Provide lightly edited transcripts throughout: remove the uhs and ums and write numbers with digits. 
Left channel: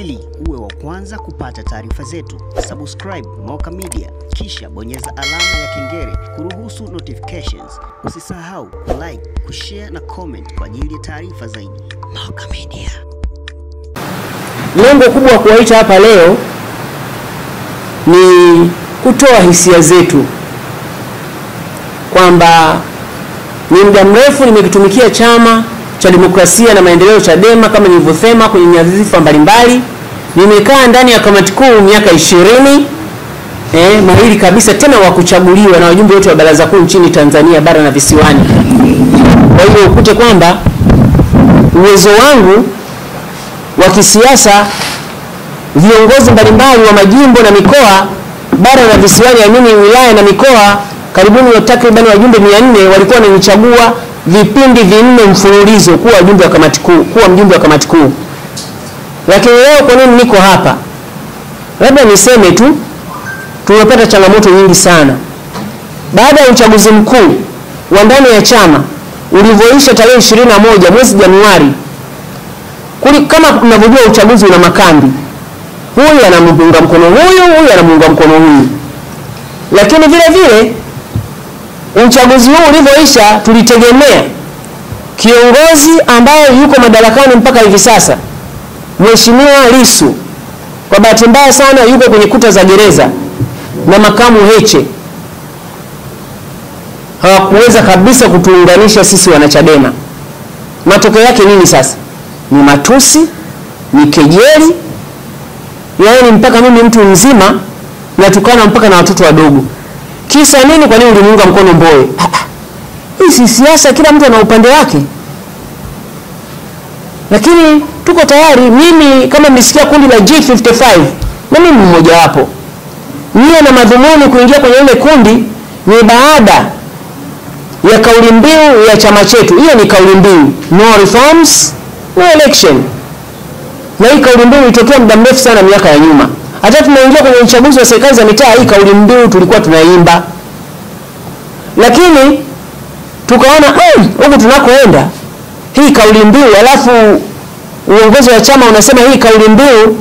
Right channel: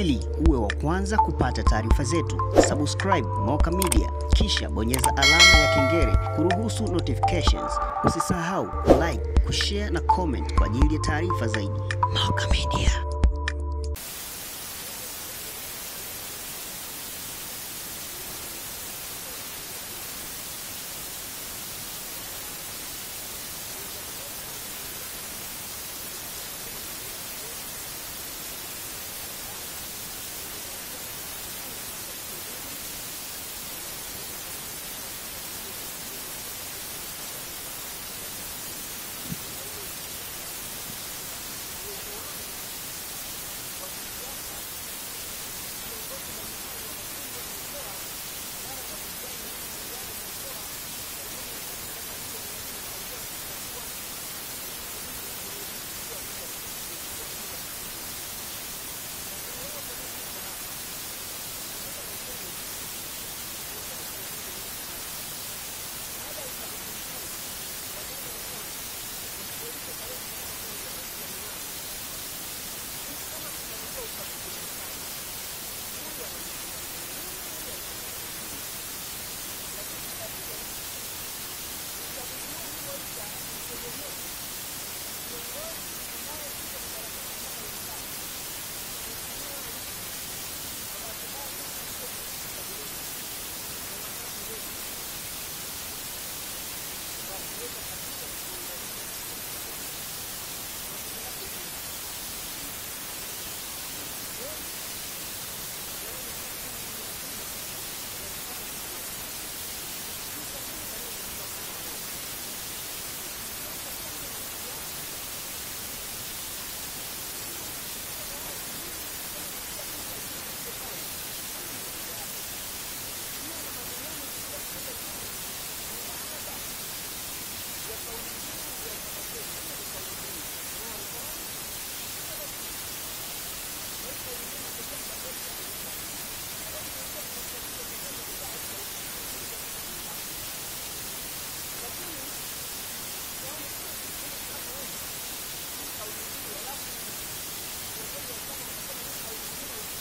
Ili uwe wa kwanza kupata taarifa zetu, subscribe Moka Media kisha bonyeza alama ya kengele kuruhusu notifications. Usisahau like, kushare na comment kwa ajili ya taarifa zaidi. Moka Media. Lengo kubwa kuwaita hapa leo ni kutoa hisia zetu kwamba ni muda mrefu nimekitumikia Chama cha Demokrasia na Maendeleo Chadema kama nilivyosema kwenye nyadhifa mbalimbali. Nimekaa ndani ya kamati kuu miaka 20, mahiri kabisa tena wa kuchaguliwa na wajumbe wote wa baraza kuu nchini Tanzania bara na visiwani. Kwa hiyo ukute kwamba uwezo wangu wa kisiasa, viongozi mbalimbali wa majimbo na mikoa bara na visiwani, yaani wilaya na mikoa, karibuni takriban wajumbe 400 walikuwa wananichagua vipindi 4 mfululizo kuwa wajumbe wa kamati kuu, kuwa mjumbe wa kamati kuu. Lakini leo kwa nini niko hapa? Labda niseme tu tumepata changamoto nyingi sana. Baada ya uchaguzi mkuu wa ndani ya chama ulivyoisha tarehe 21 mwezi Januari, kama mnavyojua uchaguzi una makambi. Huyu anamuunga mkono huyu anamuunga mkono huyu. Lakini vile vile uchaguzi huu ulivyoisha tulitegemea kiongozi ambaye yuko madarakani mpaka hivi sasa, Mheshimiwa Lissu, kwa bahati mbaya sana yuko kwenye kuta za gereza, na makamu Heche hawakuweza kabisa kutuunganisha sisi wanachadema. Matokeo yake nini sasa? Ni matusi, ni kejeli, yaani mpaka mimi mtu mzima natukana mpaka na watoto wadogo. Kisa nini? Kwa nini ulimuunga mkono Mbowe? Hii si siasa, kila mtu ana upande wake. Lakini tuko tayari, mimi kama mlisikia kundi la G55, na mimi mmoja wapo. Nia na madhumuni kuingia kwenye ile kundi ni baada ya kauli mbiu ya chama chetu. Hiyo ni kauli mbiu, no reforms, no election. Na hii kauli mbiu ilitokea muda mrefu sana miaka ya nyuma. Hata tunaingia kwenye uchaguzi wa serikali za mitaa, hii kauli mbiu tulikuwa tunaimba. Lakini tukaona huko tunakoenda hii kauli mbiu, alafu uongozi wa chama unasema hii kauli mbiu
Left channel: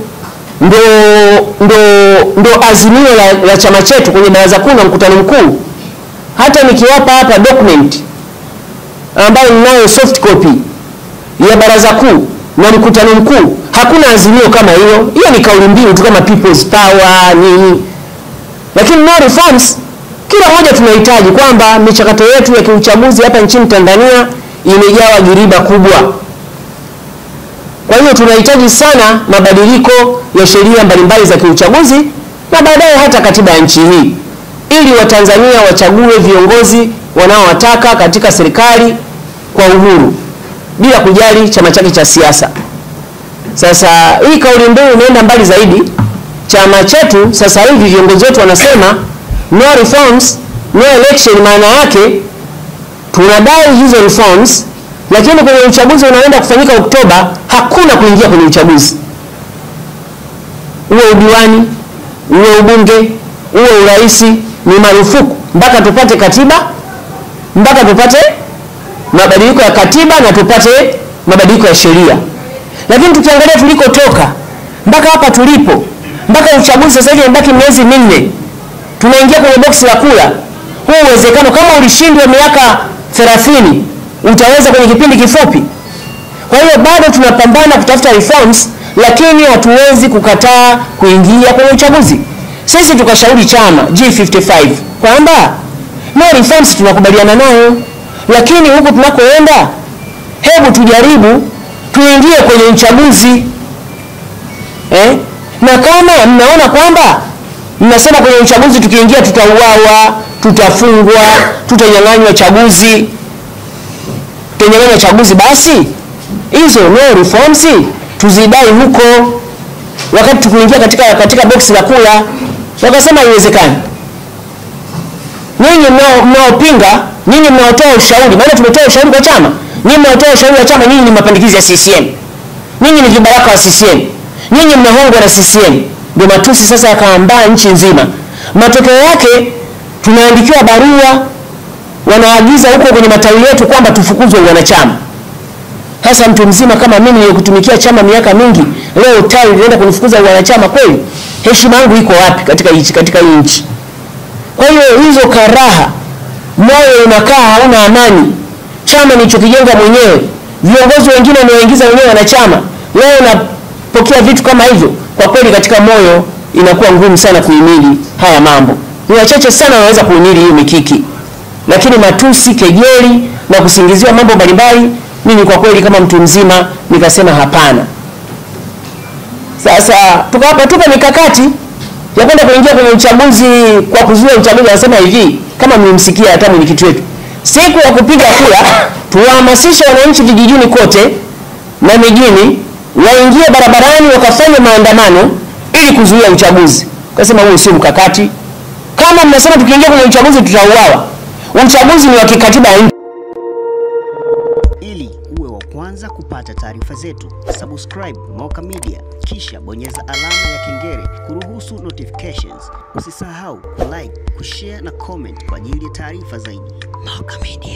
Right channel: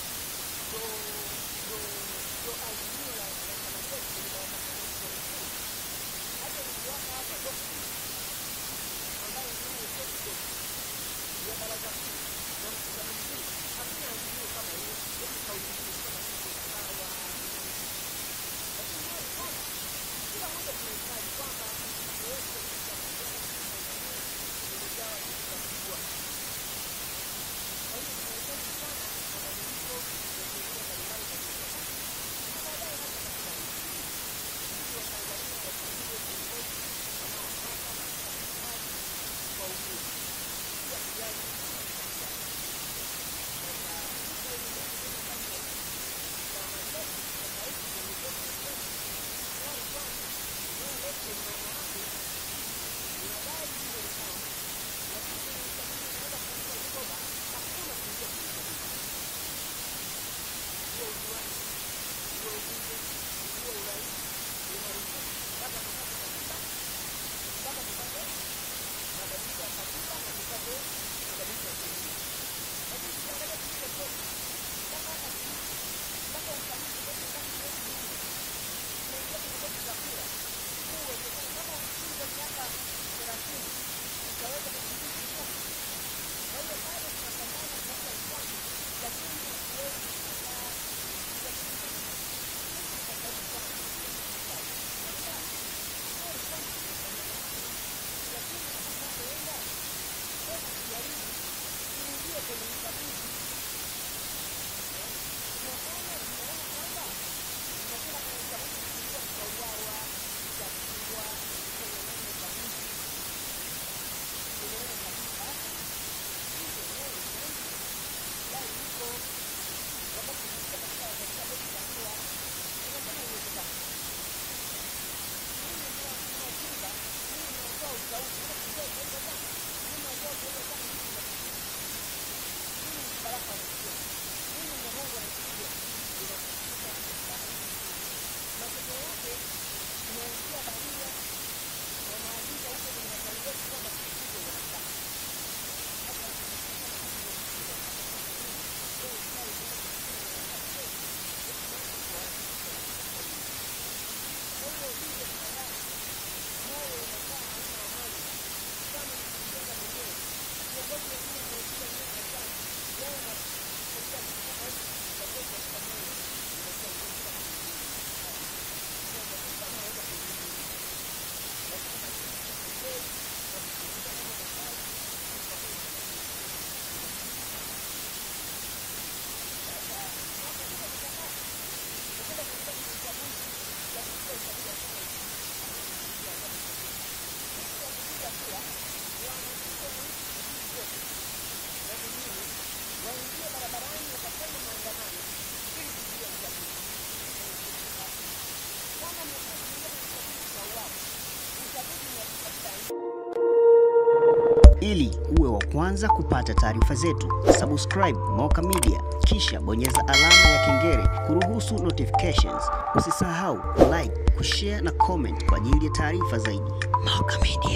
ndo azimio la chama chetu kwenye baraza kuu na mkutano mkuu. Hata nikiwapa hapa document ambayo ninayo soft copy ya baraza kuu na mkutano mkuu, hakuna azimio kama hiyo. Hiyo ni kauli mbiu tu kama people's power nini. Lakini no reforms, kila mmoja tunahitaji kwamba michakato yetu ya kiuchaguzi hapa nchini Tanzania imejawa giriba kubwa. Kwa hiyo tunahitaji sana mabadiliko ya sheria mbalimbali za kiuchaguzi na baadaye hata katiba ya nchi hii, ili Watanzania wachague viongozi wanaowataka katika serikali kwa uhuru bila kujali chama chake cha siasa. Sasa hii kauli mbiu inaenda mbali zaidi. Chama chetu sasa hivi viongozi wetu wanasema no reforms, no election. Maana yake tunadai hizo reforms, lakini kwenye uchaguzi unaenda kufanyika Oktoba hakuna kuingia kwenye uchaguzi. Uwe udiwani, uwe ubunge, uwe uraisi, ni marufuku mpaka tupate katiba, mpaka tupate mabadiliko ya katiba na tupate mabadiliko ya sheria. Lakini tukiangalia tulikotoka mpaka hapa tulipo, mpaka uchaguzi sasa hivi mbaki miezi 4, tunaingia kwenye boksi la kula. Huu uwezekano kama ulishindwa miaka 30 utaweza kwenye kipindi kifupi. Kwa hiyo bado tunapambana kutafuta reforms, lakini hatuwezi kukataa kuingia kwenye uchaguzi. Sisi tukashauri chama G55 kwamba no reforms tunakubaliana nayo, lakini huko tunakoenda hebu tujaribu tuingie kwenye uchaguzi. Na kama mnaona kwamba mnasema kwenye uchaguzi tukiingia tutauawa, tutafungwa, tutanyang'anywa chaguzi, basi hizo no reforms tuzidai huko, wakati tukiingia katika boksi la kula. Wakasema haiwezekani. Nyinyi mnaopinga, nyinyi mnaotoa ushauri, maana tumetoa ushauri kwa chama. Nyinyi mnaotoa ushauri wa chama, nyinyi ni mapandikizi ya CCM. Nyinyi ni vibaraka wa CCM. Nyinyi mnahongwa na CCM. Ndio matusi sasa yakaambaa nchi nzima. Matokeo yake tunaandikiwa barua, wanaagiza huko kwenye matawi yetu kwamba tufukuzwe wanachama. Hasa mtu mzima kama mimi nilikutumikia chama miaka mingi, leo tawi linaenda kunifukuza wanachama kweli? Heshima yangu iko wapi katika hii nchi? Kwa hiyo hizo karaha, moyo unakaa hauna amani. Chama nilichokijenga mwenyewe, viongozi wengine wanaoingiza wenyewe wanachama, leo unapokea vitu kama hivyo, kwa kweli katika moyo inakuwa ngumu sana kuhimili haya mambo. Ni wachache sana wanaweza kuhimili hiyo mikiki. Lakini matusi, kejeli na kusingiziwa mambo mbalimbali, mimi kwa kweli kama mtu mzima nikasema hapana. Sasa tupa mikakati ya kwenda kuingia kwenye uchaguzi kwa kuzuia uchaguzi. Anasema hivi, kama mlimsikia hata mwenyekiti wetu, siku ya kupiga kura tuwahamasishe wananchi vijijini kote na mijini waingie barabarani wakafanya maandamano ili kuzuia uchaguzi. Kasema huo sio mkakati. Kama mnasema tukiingia kwenye uchaguzi tutauawa, uchaguzi ni wa kikatiba ya nchi. Ili uwe wa kwanza kupata taarifa zetu, subscribe Moka Media kisha bonyeza alama ya kengele kuruhusu notifications. Usisahau like, kushare na comment kwa ajili ya taarifa zaidi. Moka Media.